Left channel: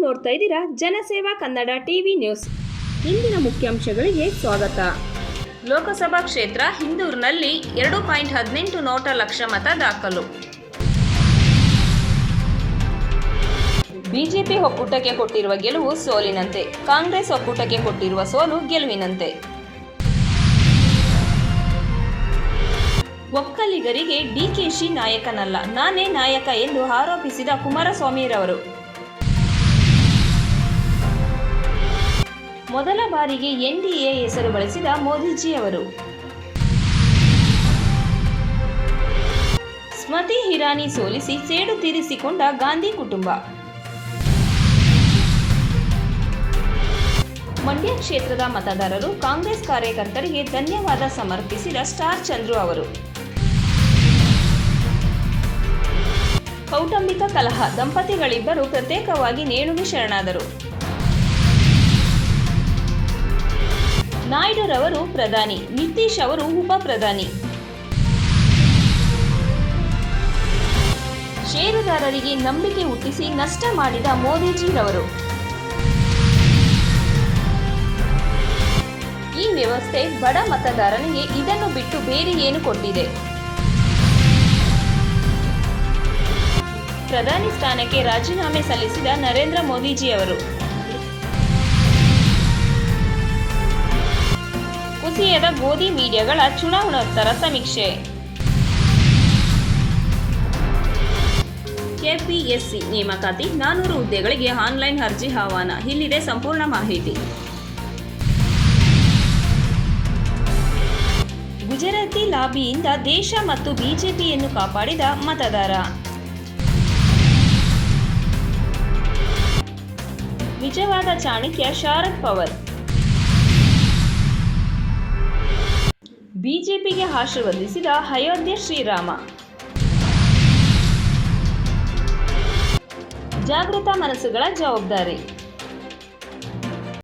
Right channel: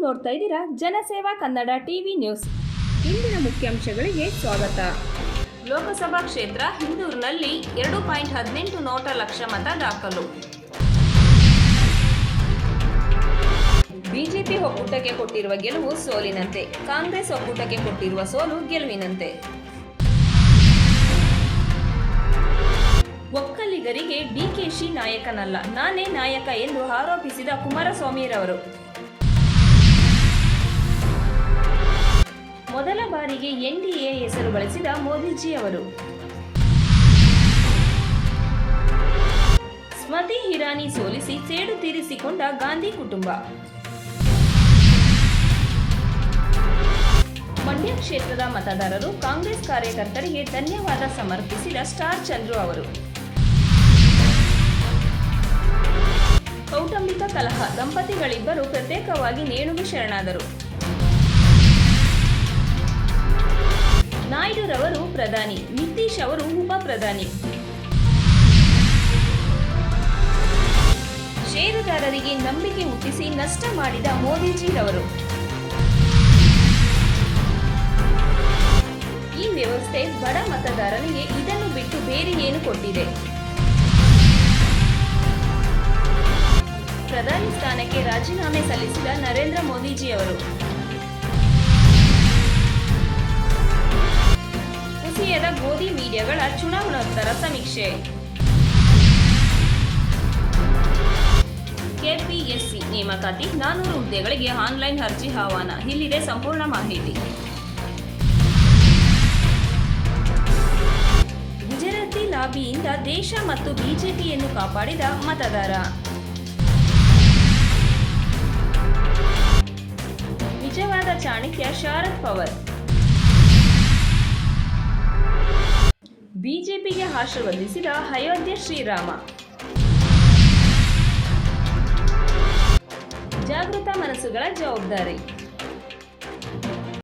ನೋಡ್ತಾ ಇದ್ದೀರಾ? ಜನಸೇವಾ ಕನ್ನಡ ಟಿವಿ ನ್ಯೂಸ್. ಇಂದಿನ ಮುಖ್ಯಾಂಶಗಳಿಗೆ ಸ್ವಾಗತ. ಲೋಕಸಭಾ ಕ್ಷೇತ್ರ ಹಿಂದೂರಿನಲ್ಲಿ ಎರಡು ಪಾಯಿಂಟ್ ಹದಿನೆಂಟು ನೋಟ ಲಕ್ಷ ಮತ ದಾಖಲು. ಬಿಜೆಪಿ ಒಕ್ಕೂಟಕ್ಕೆ ಕೊಟ್ಟಿರುವ ಗೆಲುವು ಸೋಲಿನಂತೆ. ಕಾಂಗ್ರೆಸ್ ಒಕ್ಕೂಟಕ್ಕೆ ಕೊಟ್ಟಿರುವ ಸೋಲು ಗೆಲುವಿನಂತೆ. ಒಕ್ಕಲಿಗರಿಗೆ ಡಿಕೆಶಿ ನಾಯಕನಲ್ಲ. ನಾನೇ ನಾಯಕ ಎಂದು ಆರೋಪಿಸಿದ ಕುಮಾರಸ್ವಾಮಿರವರು. ಮೊದಲ ಬಾರಿಗೆ ಎನ್ಡಿಎ ಹೆಸರು ಬಳಸಿದ ಮೋದಿಜಿ ಅವರು ಸ್ಮತಿ ಹಿರಾನಿ ಸೋಲಿಸಿ ಸೇಡು ತೀರಿಸಿಕೊಂಡ ಗಾಂಧಿ ಕುಟುಂಬ. ಮಂಡ್ಯ ಕ್ಷೇತ್ರದ ಮತದಾರರು ಕಾಂಗ್ರೆಸ್ ಕಾರ್ಯಕರ್ತರಿಗೆ ಧನ್ಯವಾದ ಸಮರ್ಪಿಸಿದ ಸ್ಟಾರ್ ಚಂದ್ರು ಅವರು. ಕೌಟುಂಬಿಕ ಕಲಹ ದಂಪತಿಗಳಿಬ್ಬರು ಪ್ರತ್ಯೇಕವಾಗಿ ನೇಣುಗೆ ಶರಣಾದರು. ನಾಯ್ಡುರವರು ಪ್ರಧಾನಿ, ನಿತೀಶ್ ಅವರು ಉಪ ಪ್ರಧಾನಿ. ಷೇರುದಾರರಿಗೆ ನಂಬಿಕೆ ಹುಟ್ಟಿಸಿ ನಷ್ಟ ಮಾಡಿದ ಮೋದಿಜಿರವರು. ಈ ವ್ಯವಸ್ಥೆ ಬಡ ಮತದಾರನಿಗೆ ಇದನ್ನು ಬಿಟ್ಟು ಬೇರೆ ಏನು ಕೊಟ್ಟಿದೆ? ಪ್ರಧಾನಿ ಸ್ಥಾನಕ್ಕೆ ರಾಜೀನಾಮೆ ಸಲ್ಲಿಸಿದ ನರೇಂದ್ರ ಮೋದಿಜಿಯವರು. ಕುಸಿಯದ ಗೋಧಿ ಮೀಡಿಯಾಗಳ ಚುನಾವಣೋತ್ತರ ಸಮೀಕ್ಷೆ. ಕೆಪಿಎಸ್ಸಿ ನೇಮಕಾತಿ ನಾನೂರು ಹುದ್ದೆಗಳಿಗೆ ಆನ್ಲೈನ್ ಅರ್ಜಿ ಆಹ್ವಾನ. ಇಲ್ಲಿದೆ ಸಂಪೂರ್ಣ ಮಾಹಿತಿ. ಗುಜರಾತಿ ಲಾಬಿಯಿಂದ ದೇಶ ಮತ್ತು ಬಿಜೆಪಿಯನ್ನು ಕಾಪಾಡಿದ ಮತದಾರ. ನಿಜವಾದ ಚಾಣಕ್ಯ ಶಾರದ್ ಪವರ್. ಬಿಜೆಪಿಗೆ ಆಶೀರ್ವದಿಸಿದ ಅಯೋಧ್ಯೆ ಶ್ರೀರಾಮ. ಜಾಗೃತ ಮನಸ್ಸುಗಳ ಜವಾಬ್ದಾರಿ.